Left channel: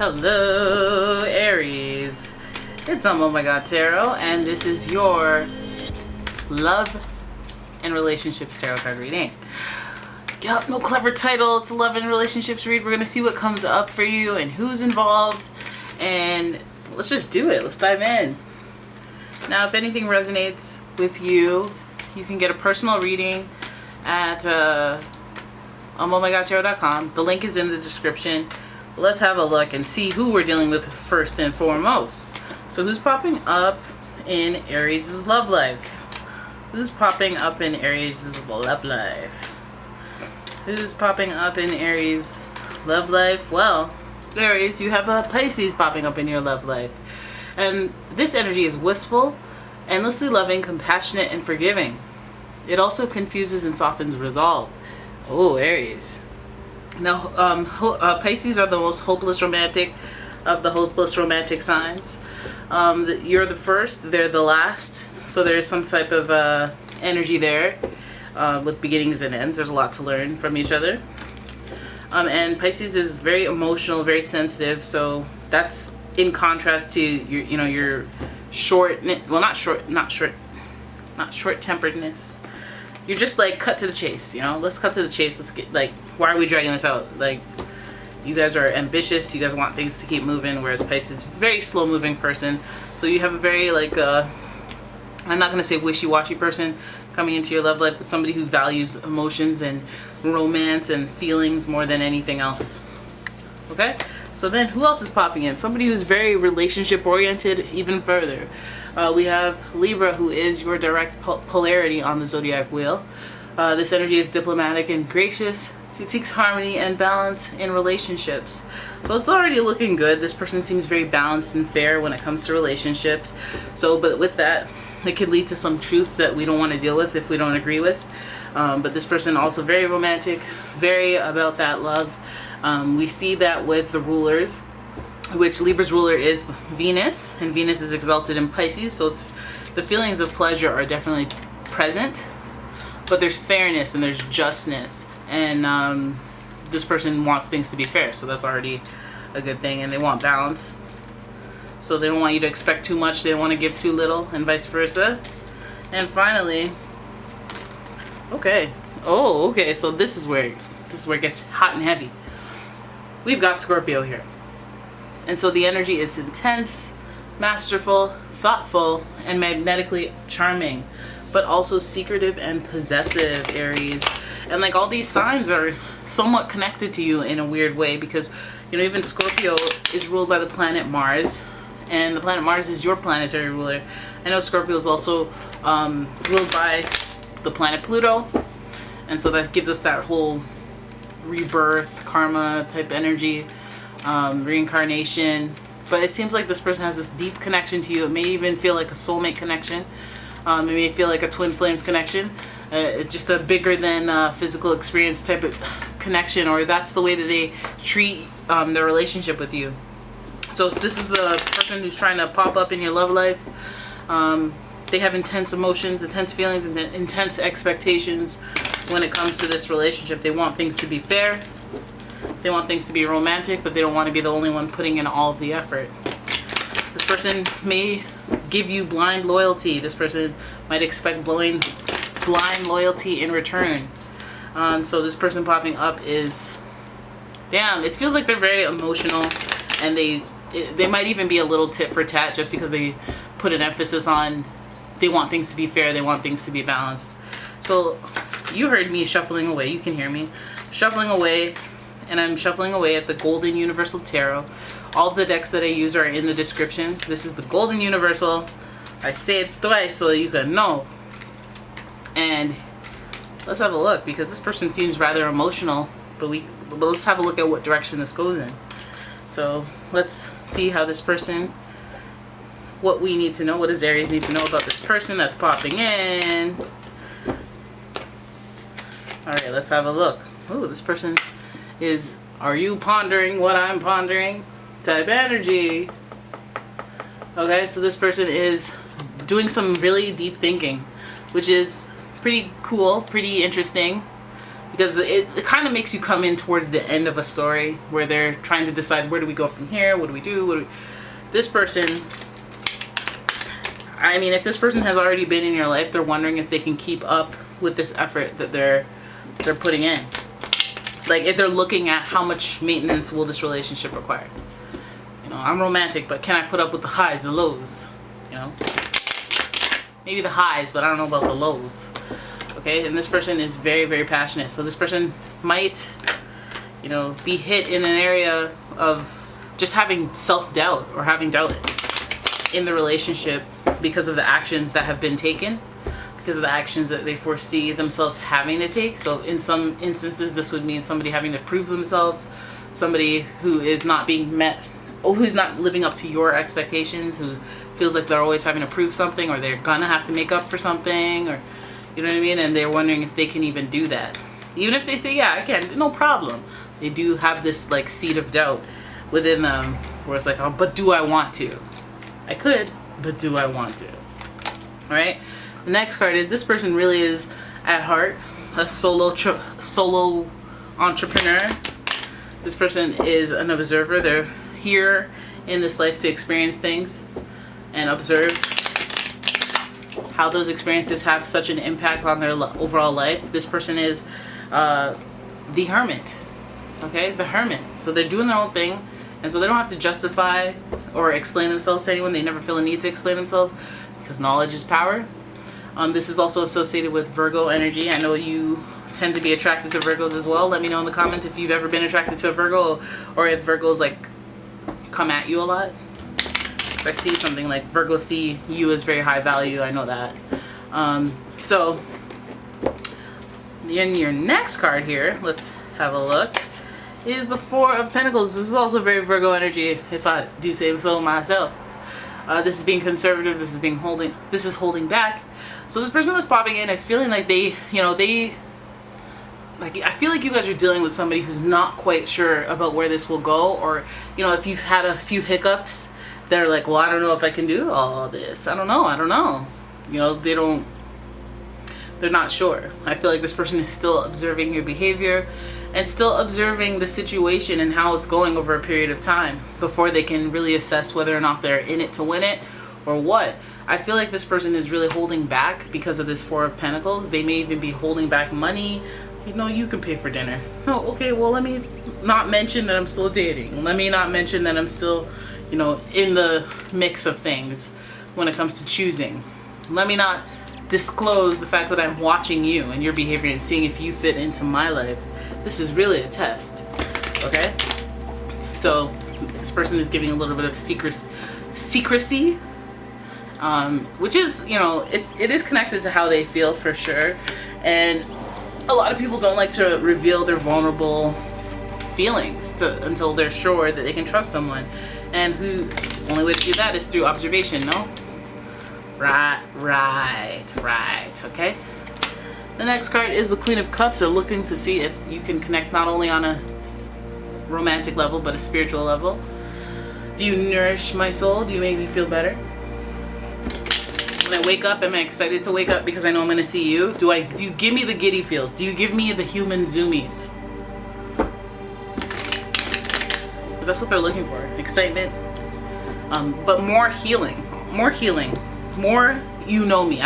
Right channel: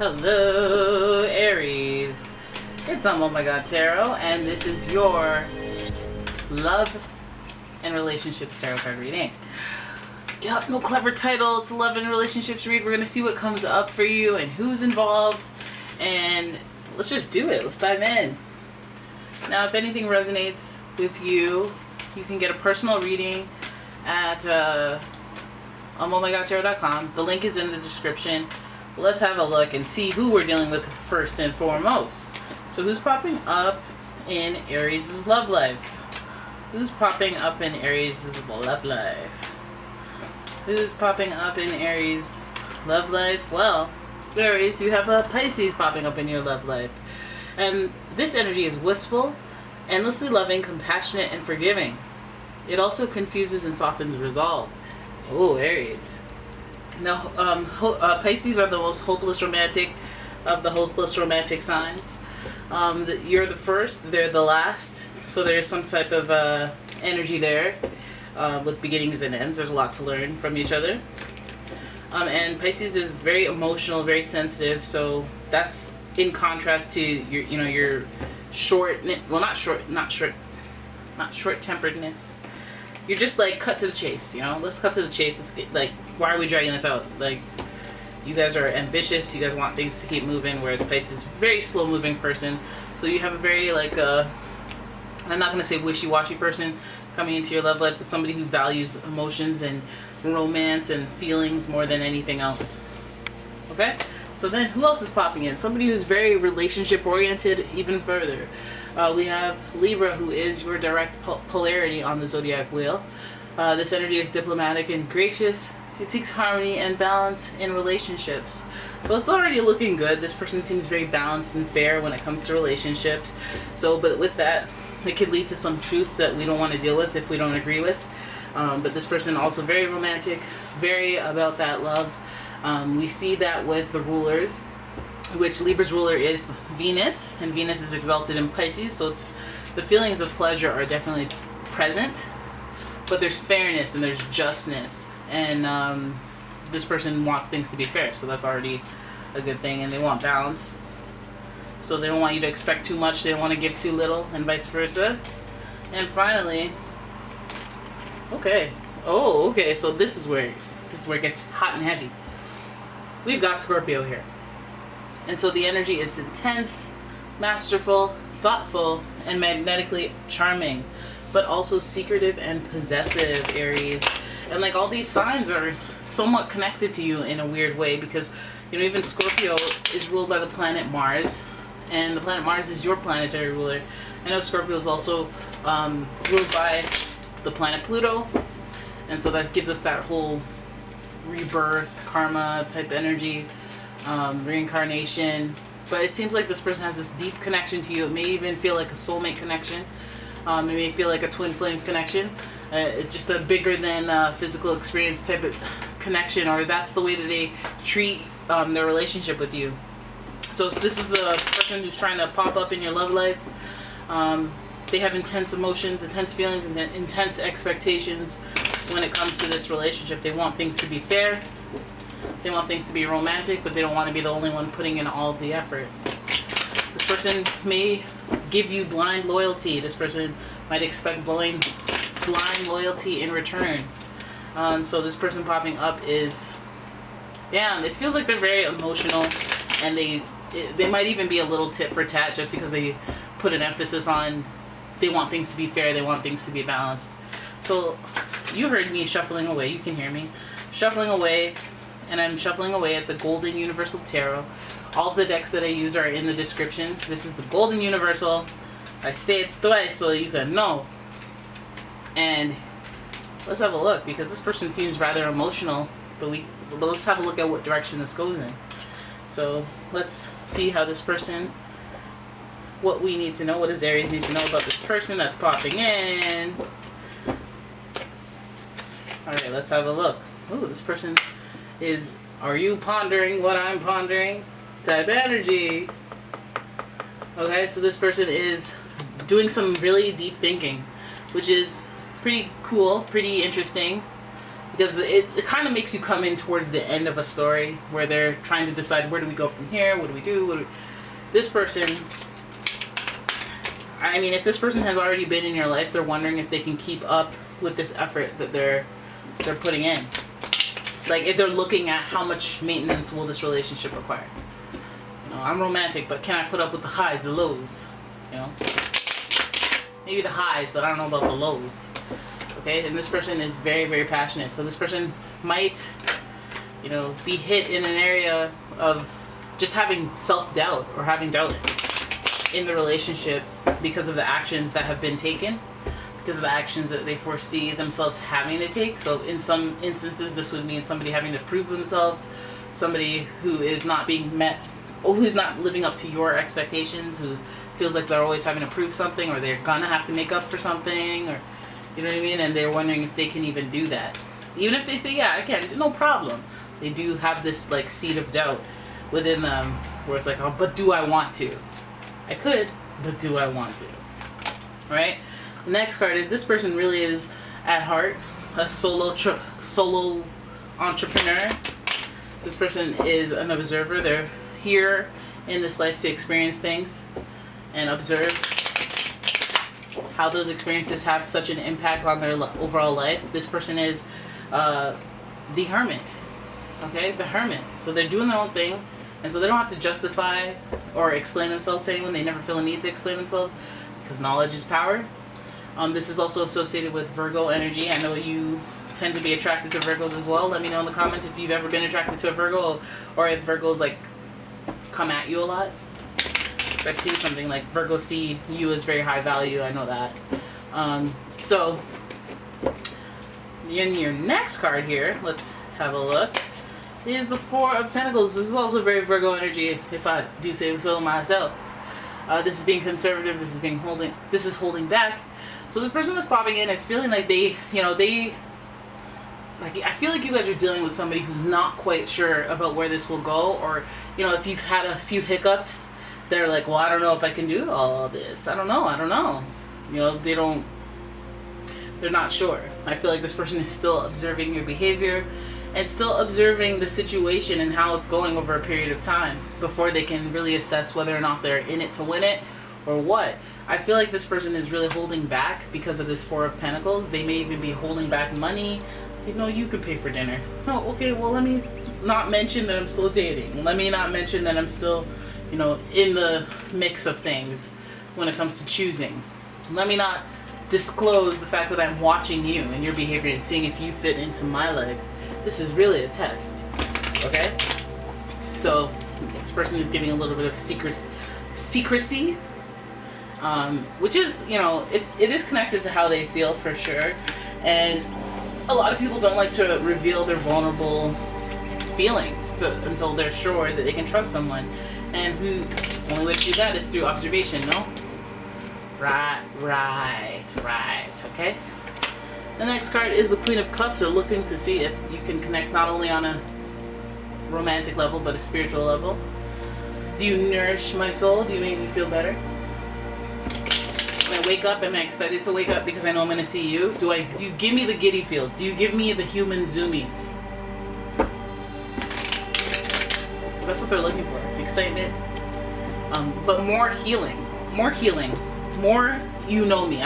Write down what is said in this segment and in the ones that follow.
Hello, Aries. It's umomgtarot, and this is your love and relationships tarot card reading. Yup, no clever title. It's a love and relationships read. We're going to see what comes up for you and who's involved, and let's just do it. Let's dive in. Now, if anything resonates with you, you can get a personal reading at umomgtarot.com. The link is in the description. Let's have a look and see who we're dealing with first and foremost. So who's popping up in Aries' love life? Who's popping up in Aries' love life? Who's popping up in Aries' love life? Well, Aries, you have a Pisces popping up in your love life. And this energy is wistful, endlessly loving, compassionate, and forgiving. It also confuses and softens resolve. Oh, Aries. Now, Pisces are the most hopeless romantic of the hopeless romantic signs. You're the first, they're the last. So there's some type of energy there with beginnings and ends. There's a lot to learn from each other. And Pisces is very emotional, very sensitive. So that's in contrast to your short-temperedness. You're just like cut to the chase, let's cut to the chase. Let's get, like, why are we dragging this out? Like, you guys are ambitious, you guys want things to keep moving, whereas Pisces is a very slow moving person. So you have a very, like, I'm not going to say wishy-washy person coming into your love life, but somebody who values emotions and romance and feelings more than anything else. Okay? So then who else is popping in? Somebody who's very relationship oriented even further. We have Libra, who is your direct polarity on the zodiac wheel. This energy is diplomatic and gracious. It seeks harmony and balance in relationships. So it's already looking good. This person seems very balanced and fair when it comes to relationships. But with that, it could lead to some truths that we don't want to deal with if we don't agree with. But this person also very romantic, very about that love. We see that with the rulers, which Libra's ruler is Venus, and Venus is exalted in Pisces, so it's the feelings of pleasure are definitely present, but there's fairness and there's justness, and this person wants things to be fair, so that's already a good thing. And they want balance, so they don't want you to expect too much, they don't want to give too little, and vice versa. And finally, okay, so this is where it gets hot and heavy. We've got Scorpio here. And so the energy is intense, masterful, thoughtful, and magnetically charming, but also secretive and possessive, Aries. And like all these signs are somewhat connected to you in a weird way, because even Scorpio is ruled by the planet Mars, and the planet Mars is your planetary ruler. I know Scorpio is also ruled by the planet Pluto, and so that gives us that whole rebirth, karma type energy. Reincarnation, but it seems like this person has this deep connection to you. It may even feel like a soulmate connection. It may feel like a twin flames connection. It's just a bigger than physical experience type of connection, or that's the way that they treat their relationship with you. So this is the person who's trying to pop up in your love life. They have intense emotions, intense feelings, and intense expectations when it comes to this relationship. They want things to be fair. They want things to be romantic, but they don't want to be the only one putting in all of the effort. This person may give you blind loyalty. This person might expect blind loyalty in return. So this person popping up is, damn, it feels like they're very emotional, and they might even be a little tit for tat just because they put an emphasis on they want things to be fair, they want things to be balanced. So you heard me shuffling away. You can hear me shuffling away. And I'm shuffling away at the Golden Universal Tarot. All of the decks that I use are in the description. This is the Golden Universal. I say it twice so you can know. And let's have a look, because this person seems rather emotional, but let's have a look at what direction this goes in. So let's see how this person, what we need to know, what does Aries need to know about this person that's popping in. Alright, let's have a look. Ooh, this person is, are you pondering what I'm pondering? Type energy. Okay, so this person is doing some really deep thinking, which is pretty cool, pretty interesting. because it kind of makes you come in towards the end of a story where they're trying to decide, where do we go from here? What do we do? This person, I mean, if this person has already been in your life, they're wondering if they can keep up with this effort that they're putting in. Like, if they're looking at how much maintenance will this relationship require. You know, I'm romantic, but can I put up with the highs, the lows? You know, maybe the highs, but I don't know about the lows. Okay, and this person is very, very passionate. So this person might, you know, be hit in an area of just having self-doubt or having doubt in the relationship because of the actions that have been taken, because of the actions that they foresee themselves having to take. So in some instances, this would mean somebody having to prove themselves, somebody who is not being met, or who's not living up to your expectations, who feels like they're always having to prove something, or they're gonna have to make up for something, or you know what I mean? And they're wondering if they can even do that. Even if they say, yeah, I can, no problem. They do have this like seed of doubt within them where it's like, oh, but do I want to? I could, but do I want to? All right? The next card is, this person really is at heart a solo entrepreneur. This person is an observer. They're here in this life to experience things and observe how those experiences have such an impact on their overall life. This person is the hermit. Okay, the hermit. So they're doing their own thing, and so they don't have to justify or explain themselves to anyone. They never feel a need to explain themselves because knowledge is power. This is also associated with Virgo energy. I know you tend to be attracted to Virgos as well. Let me know in the comments if you've ever been attracted to a Virgo, or if Virgos like come at you a lot. I see something like Virgos see you as very high value. I know that. So in your next card here, let's have a look, is the Four of Pentacles. This is also very Virgo energy, if I do say so myself. This is being conservative. This is holding back. So this person that's popping in is feeling like I feel like you guys are dealing with somebody who's not quite sure about where this will go, or, you know, if you've had a few hiccups, they're like, well, I don't know if I can do all this. I don't know. You know, they're not sure. I feel like this person is still observing your behavior and still observing the situation and how it's going over a period of time before they can really assess whether or not they're in it to win it or what. I feel like this person is really holding back because of this Four of Pentacles. They may even be holding back money. You know, you can pay for dinner. Oh, okay, well, let me not mention that I'm still dating. Let me not mention that I'm still, you know, in the mix of things when it comes to choosing. Let me not disclose the fact that I'm watching you and your behavior and seeing if you fit into my life. This is really a test, okay? So this person is giving a little bit of secrecy, which is, you know, it is connected to how they feel for sure. And a lot of people don't like to reveal their vulnerable feelings until they're sure that they can trust someone. And the only way to do that is through observation, no? Right, okay? The next card is the Queen of Cups. They're looking to see if you can connect not only on a romantic level, but a spiritual level. Do you nourish my soul? Do you make me feel better? When I wake up, am I excited to wake up because I know I'm going to see you? Do you give me the giddy feels? Do you give me the human zoomies? Because that's what they're looking for. Excitement. But more healing. More you know me.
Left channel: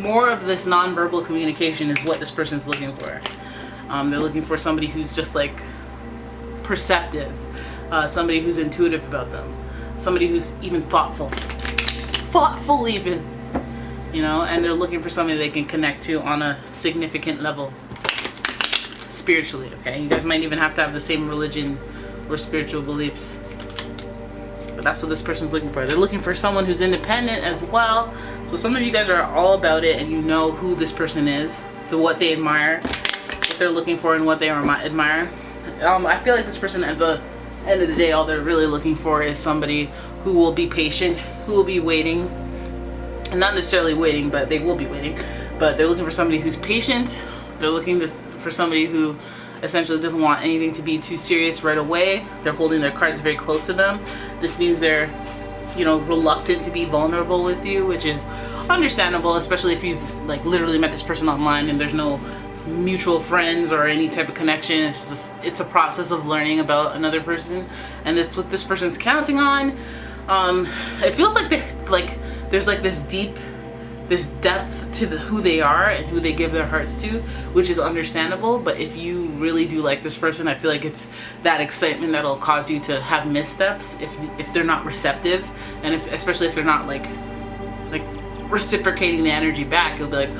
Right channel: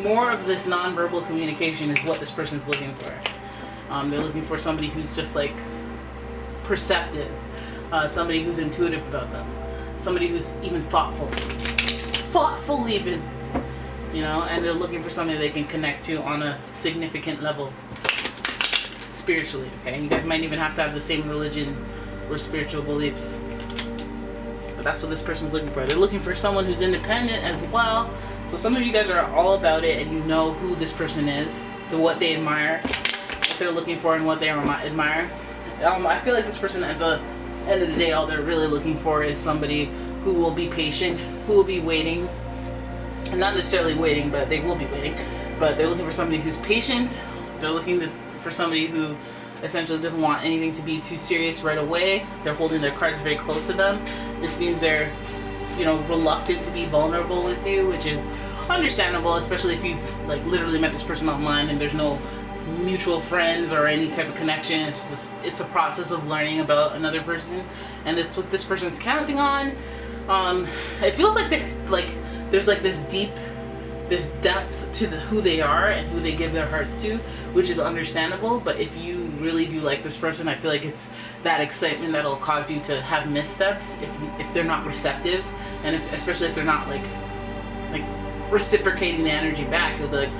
More of this nonverbal communication is what this person's looking for. They're looking for somebody who's just like perceptive. Somebody who's intuitive about them. Somebody who's even thoughtful even. You know, and they're looking for somebody they can connect to on a significant level spiritually, okay? You guys might even have to have the same religion or spiritual beliefs. But that's what this person's looking for. They're looking for someone who's independent as well. So some of you guys are all about it and you know who this person is, what they admire, what they're looking for and what they admire. I feel like this person at the end of the day, all they're really looking for is somebody who will be patient, who will be waiting. And not necessarily waiting, but they will be waiting. But they're looking for somebody who's patient. They're looking for somebody who essentially doesn't want anything to be too serious right away. They're holding their cards very close to them. This means they're, you know, reluctant to be vulnerable with you, which is understandable, especially if you've like literally met this person online and there's no mutual friends or any type of connection. It's a process of learning about another person, and that's what this person's counting on. It feels like there's like this depth to who they are and who they give their hearts to, which is understandable. But if you really do like this person, I feel like it's that excitement that'll cause you to have missteps if they're not receptive, and especially if they're not like reciprocating the energy back. You'll be like,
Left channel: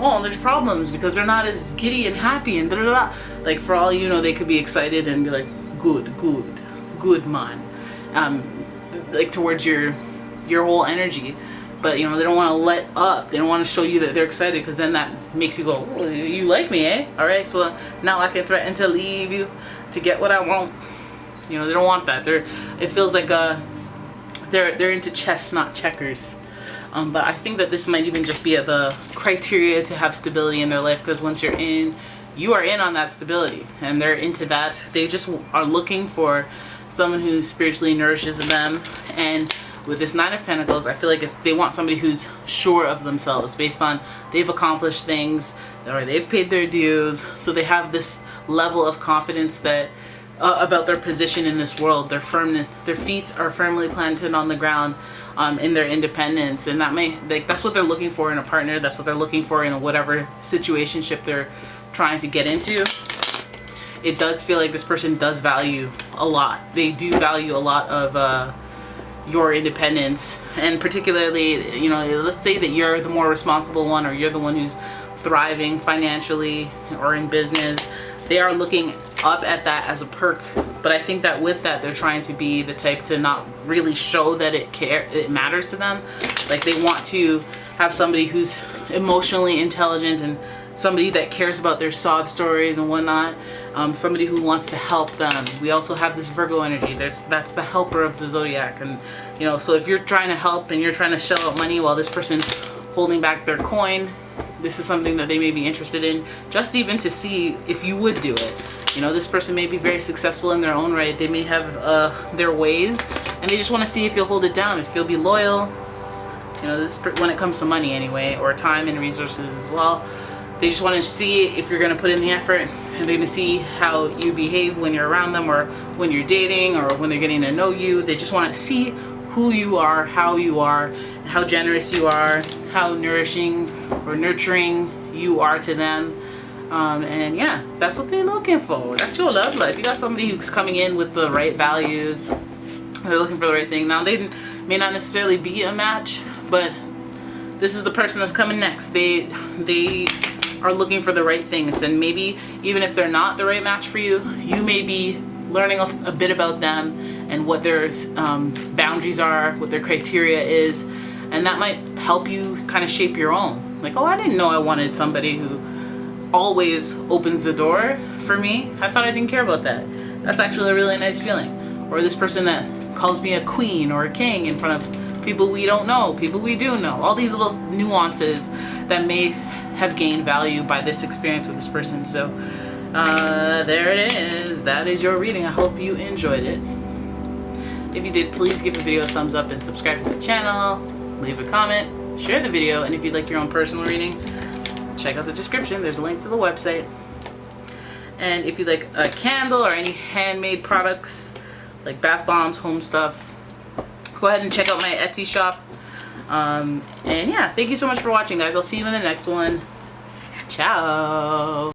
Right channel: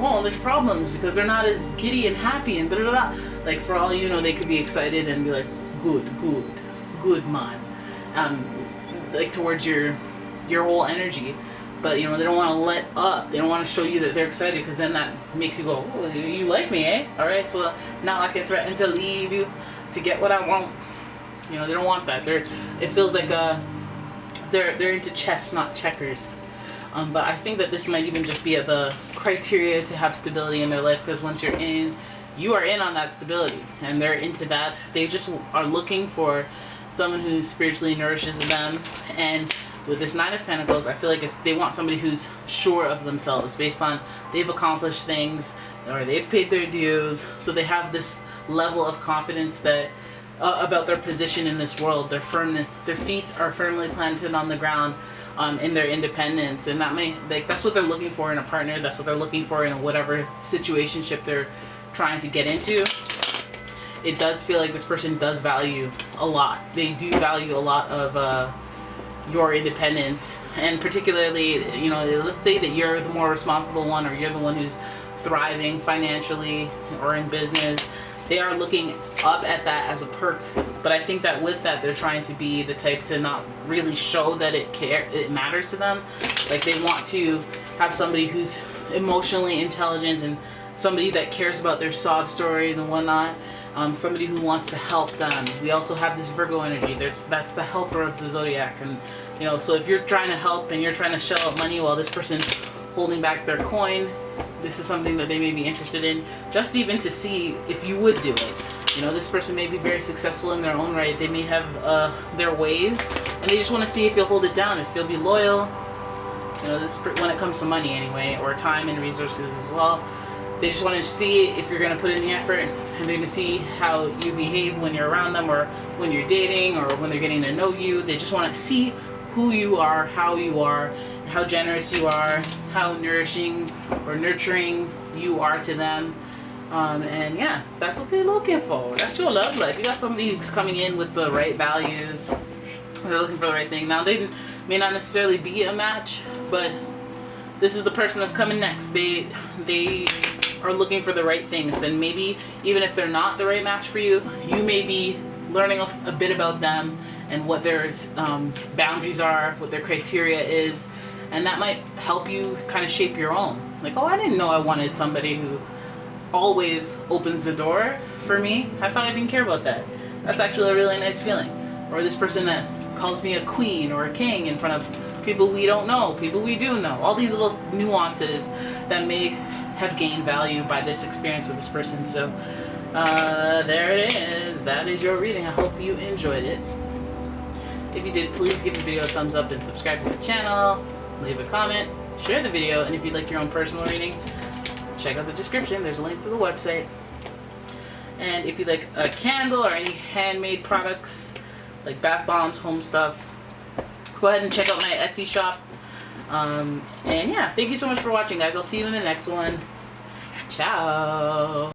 well, there's problems because they're not as giddy and happy and da da da. Like, for all you know, they could be excited and be like, good man, like towards your whole energy. But you know, they don't want to let up. They don't want to show you that they're excited, because then that makes you go, oh, you like me, eh? All right, so now I can threaten to leave you to get what I want. You know, they don't want that. It feels like they're into chess, not checkers. But I think that this might even just be the criteria to have stability in their life, because once you are in on that stability, and they're into that. They just are looking for someone who spiritually nourishes them. And with this Nine of Pentacles, I feel like they want somebody who's sure of themselves, based on they've accomplished things or they've paid their dues. So they have this level of confidence that about their position in this world. Their feet are firmly planted on the ground. In their independence, and that's what they're looking for in a partner. That's what they're looking for in whatever situationship they're trying to get into. It does feel like this person does value a lot. They do value a lot of your independence, and particularly, you know, let's say that you're the more responsible one, or you're the one who's thriving financially or in business. They are looking up at that as a perk, but I think that with that, they're trying to be the type to not really show that it matters to them. Like, they want to have somebody who's emotionally intelligent, and somebody that cares about their sob stories and whatnot. Somebody who wants to help them. We also have this Virgo energy. That's the helper of the zodiac, and you know, so if you're trying to help and you're trying to shell out money while this person's holding back their coin, this is something that they may be interested in, just even to see if you would do it. You know, this person may be very successful in their own right. They may have their ways, and they just want to see if you'll hold it down, if you'll be loyal. You know, when it comes to money anyway, or time and resources as well. They just want to see if you're going to put in the effort, and they're going to see how you behave when you're around them, or when you're dating, or when they're getting to know you. They just want to see who you are, how generous you are, how nourishing or nurturing you are to them. And yeah, that's what they're looking for. That's your love life. You got somebody who's coming in with the right values. They're looking for the right thing. Now, they may not necessarily be a match, but this is the person that's coming next. They are looking for the right things, and maybe even if they're not the right match for you, you may be learning a bit about them and what their boundaries are, what their criteria is, and that might help you kind of shape your own. Like, oh, I didn't know I wanted somebody who always opens the door for me. I thought I didn't care about that. That's actually a really nice feeling. Or this person that calls me a queen or a king in front of people we don't know, people we do know. All these little nuances that may have gained value by this experience with this person. So there it is. That is your reading. I hope you enjoyed it. If you did, please give the video a thumbs up and subscribe to the channel. Leave a comment, share the video, and if you'd like your own personal reading, check out the description. There's a link to the website. And if you'd like a candle or any handmade products like bath bombs, home stuff, go ahead and check out my Etsy shop. And yeah, thank you so much for watching, guys. I'll see you in the next one. Ciao.